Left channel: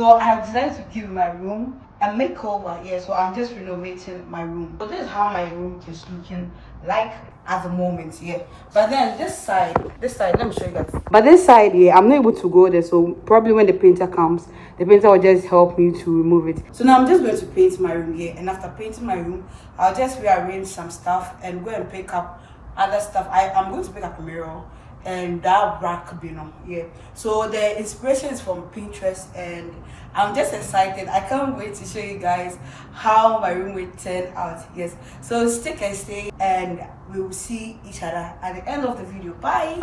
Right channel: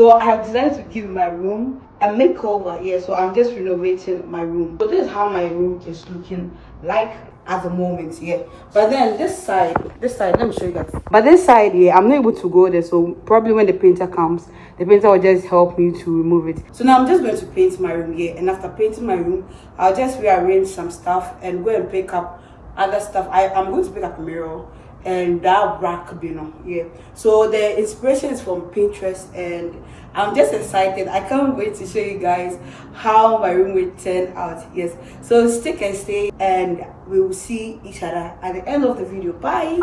So I have decided to give my room a makeover. Yeah, so I'm just renovating my room. So this is how my room is looking like at the moment. Yeah, but then this side, let me show you guys. But this side, yeah, I'm not able to go there. So probably when the painter comes, the painter will just help me to remove it. So now I'm just going to paint my room here, and after painting my room, I'll just rearrange some stuff and go and pick up other stuff. I'm going to pick up a mirror and that rack, yeah. So the inspiration is from Pinterest, and I'm just excited. I can't wait to show you guys how my room will turn out. Yes, so stick and stay, and we will see each other at the end of the video. Bye.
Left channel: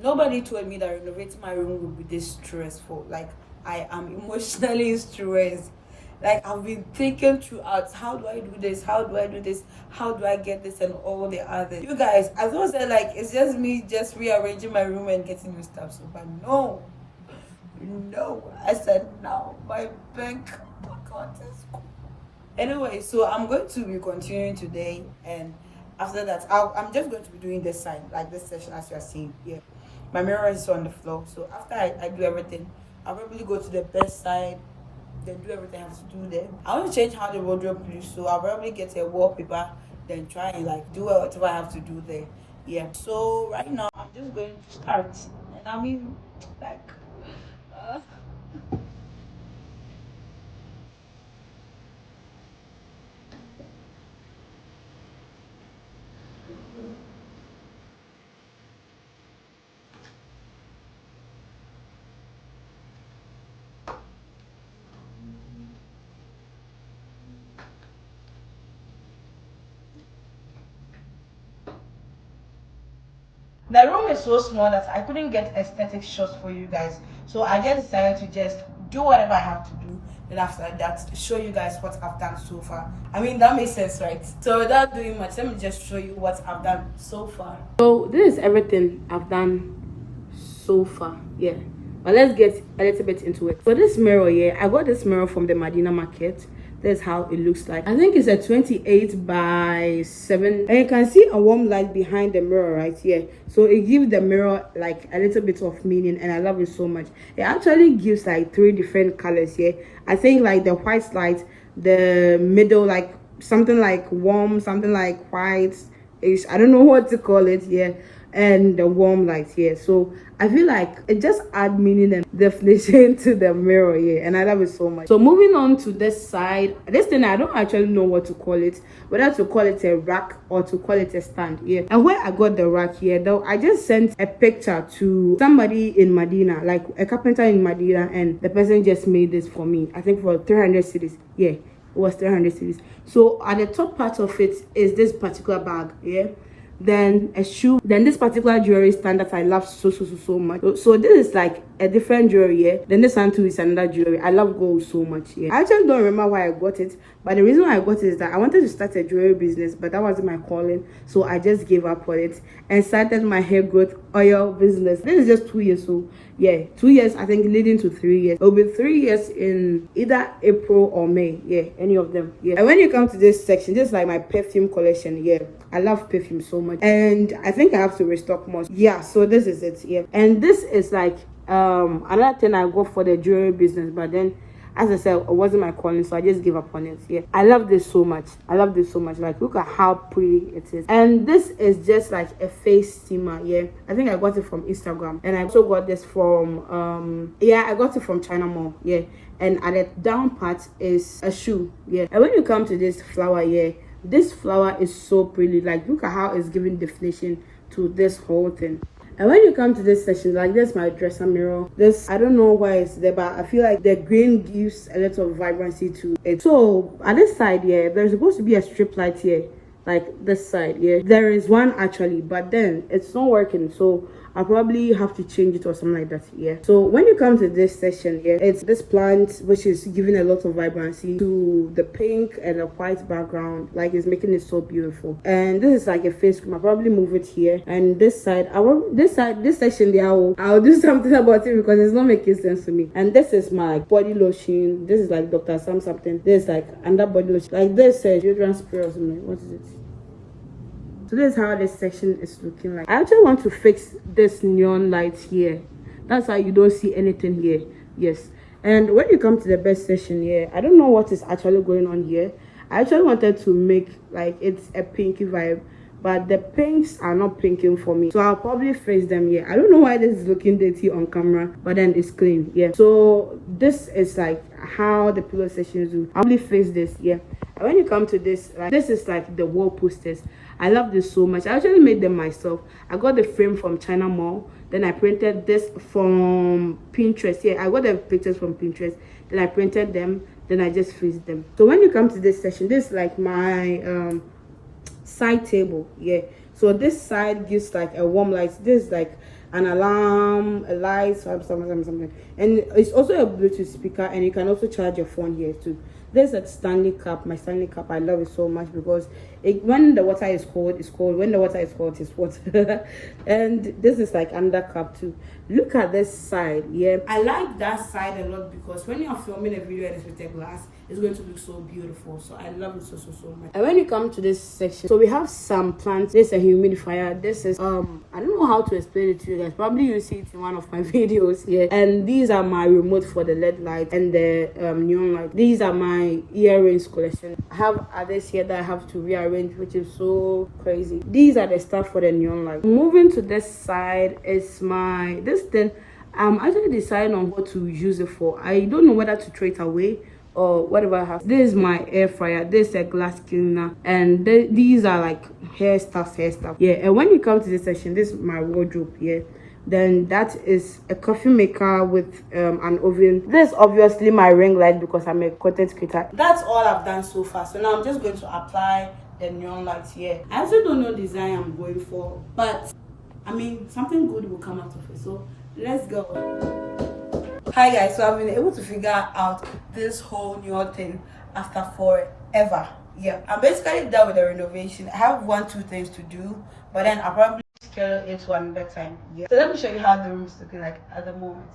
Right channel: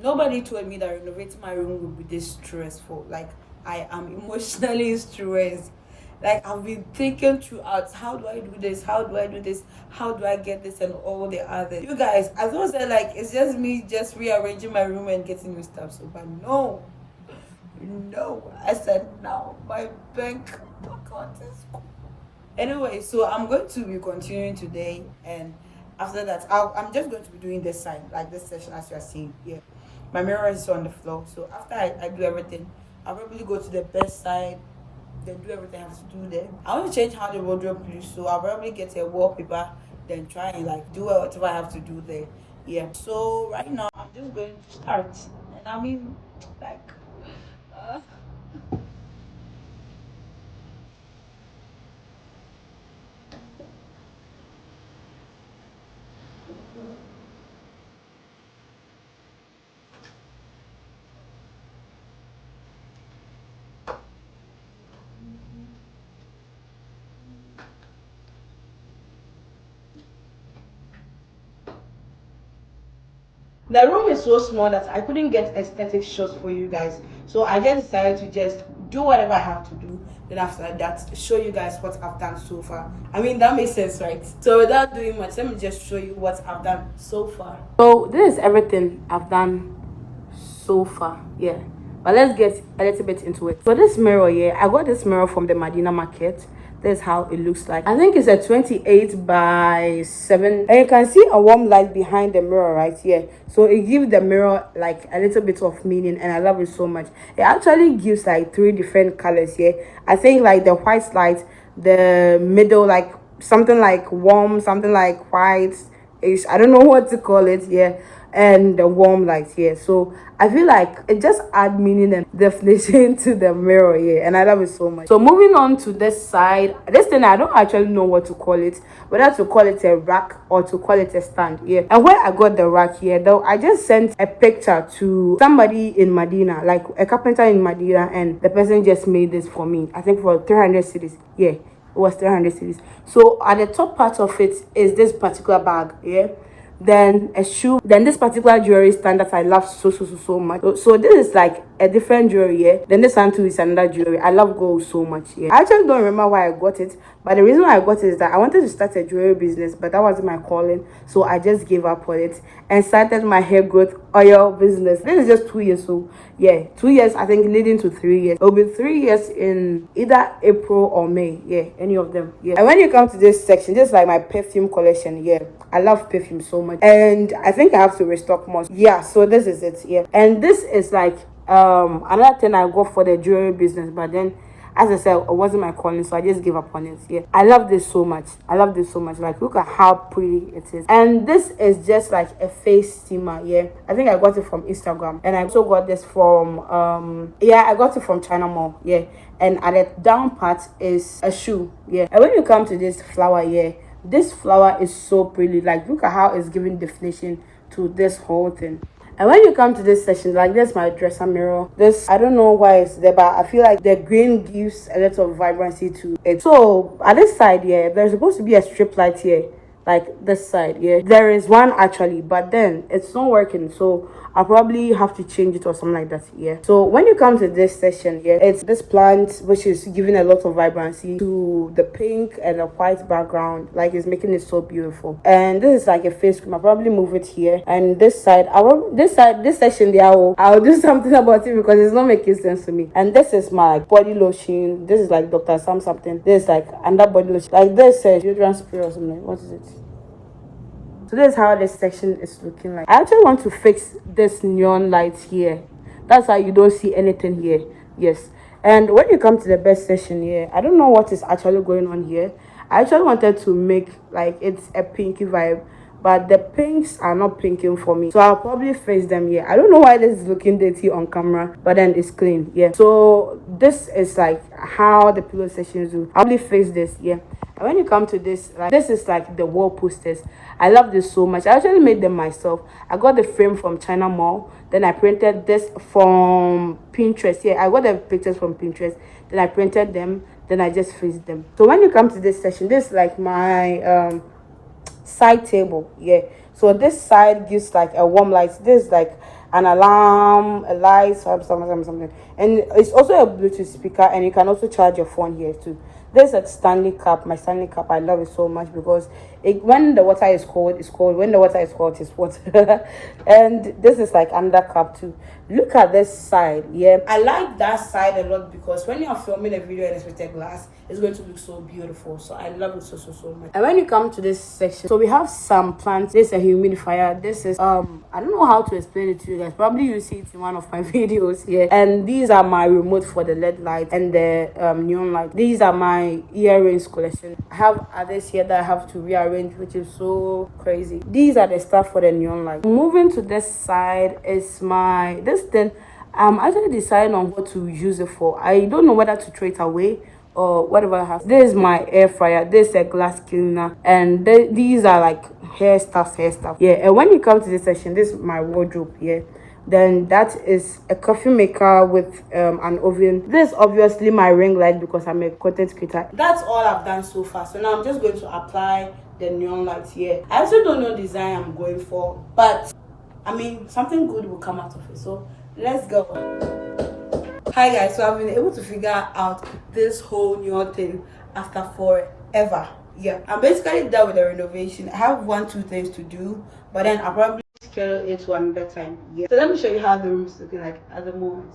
Nobody told me that renovating my room would be this stressful. Like, I am emotionally stressed. Like, I've been thinking throughout, how do I do this? How do I do this? How do I get this and all the others? You guys, as I said, like, it's just me just rearranging my room and getting new stuff. So, but no, I said no. My bank account is cool. Anyway, so I'm going to be continuing today, and after that, I'm just going to be doing this side, like this section as you are seeing here. My mirror is on the floor, so after I do everything, I'll probably go to the best side, then do everything I have to do there. I want to change how the wardrobe looks, so I'll probably get a wallpaper, then try and like do whatever I have to do there. Yeah, so right now I'm just going to start, and I mean, like, the room is so small that I couldn't get aesthetic shots for you guys. So I just decided to just do whatever I have to do. Then after that, show you guys what I've done so far. I mean, that makes sense, right? So without doing much, let me just show you what I've done so far. So this is everything I've done so far, yeah. But let's get a little bit into it. So this mirror, yeah, I got this mirror from the Medina market. That's how it looks like. I think it's a 28 by 7, and you can see a warm light behind the mirror right here. So it gives the mirror like a little bit of meaning, and I love it so much. It actually gives like 3 different colors here. I think like the white light, the middle like something like warm, something like white ish, I don't know what to call it, yeah, and the warm light here. So I feel like it just adds meaning and definition to the mirror here, and I love it so much. So moving on to this side, this thing I don't actually know what to call it, whether to call it a rack or to call it a stand, yeah. And when I got the rack here though, I just sent a picture to somebody in Medina, like a carpenter in Medina, and the person just made this for me, I think for 300 cedis, yeah, it was 300 cedis. So at the top part of it is this particular bag, yeah, then a shoe, then this particular jewelry stand that I love so much. So this is like a different jewelry here. Then this one too is another jewelry. I love gold so much. Yeah, I actually don't remember why I got it, but the reason why I got it is that I wanted to start a jewelry business, but that wasn't my calling, so I just gave up on it and started my hair growth oil business. This is just 2 years, so yeah, 2 years, I think, leading to 3 years. It'll be 3 years in either April or May, yeah, any of them, yeah. And when you come to this section, this is like my perfume collection, yeah. I love perfume so much, and I think I have to restock more, yeah. So this is it, yeah. And this is like another thing I got for the jewelry business, but then as I said, it wasn't my calling, so I just gave up on it. Yeah, I love this so much. I love this so much. Like, look at how pretty it is. And this is just like a face steamer. Yeah, I think I got it from Instagram, and I also got this from yeah, I got it from China Mall. Yeah, and at the down part is a shoe. Yeah, and when you come to this flower, yeah, this flower is so pretty. Like, look at how it's giving definition to this whole thing. And when you come to this section, like, this my dresser mirror. This, I don't know why it's there, but I feel like the green gives a lot of vibrancy to it. So at this side, yeah, there's supposed to be a strip light here, like this side, yeah. There is one actually, but then it's not working, so I'll probably have to change it or something like that, yeah. So when you come to this section, yeah, it's this plant which is giving a lot of vibrancy to the pink and the white background. Like, it's making it so beautiful. And this is like a face cream. I'll probably move it here. And this side, this section there, I'll do something about it because it's not making sense to me. And this is my body lotion. This is like Dr. Sam something. This is like under body lotion. Like this deodorant spray or something. What is it? So this is how this section is looking like. I actually want to fix this neon light here That's why you don't see anything here. Yes. And when you come to the best section here, I don't know what is actually going on here. I actually wanted to make like it's a pinky vibe, but the pinks are not pinking for me, so I'll probably face them here. I don't know why this is looking dirty on camera, but then it's clean. Yeah, so this is like how the pillow sections do. I'll probably face this. Yeah. And when you come to this, like, this is like the wall posters. I love this so much. I actually made them myself. I got the frame from China Mall, then I printed this from Pinterest. Yeah, I got the pictures from Pinterest, then I printed them, then I just fixed them. So when you come to this section, this is like my side table. Yeah, so this side gives like a warm light. This is like an alarm, a light, something, and it's also a Bluetooth speaker, and you can also charge your phone here too. There's a Stanley cup. My Stanley cup, I love it so much because when the water is cold, it's cold. When the water is hot, it's hot. And this is like under cup too. Look at this side. Yeah, I like that side a lot because when you're filming a video and it's with a glass, it's going to look so beautiful. So I love it so much. And when you come to this section, so we have some plants. This is a humidifier. This is I don't know how to explain it to you guys. Probably you see it in one of my videos here. And these are my remote for the LED light and the neon light. These are my earrings collection. I have others here that I have to rearrange, which is so crazy. These are the stuff for the neon light. Moving to this side is this thing. I'm actually deciding on what to use it for. I don't know whether to throw it away or whatever I have. This is my air fryer. This is a glass cleaner, and these are like hair stuff. Yeah. And when you come to this section, this is my wardrobe. Yeah. Then that is a coffee maker with an oven. This is obviously my ring light because I'm a content creator. That's all I've done so far. So now I'm just going to apply the neon lights here. I also don't know the design I'm going for, but I mean something good will come out of it. So let's go. Hi guys, so I've been able to figure out this whole new thing after forever. Yeah, I'm basically done with the renovation. I have 2 things to do, but then I'll probably schedule it one better time. Yeah. So let me show you how the room is looking like at the moment.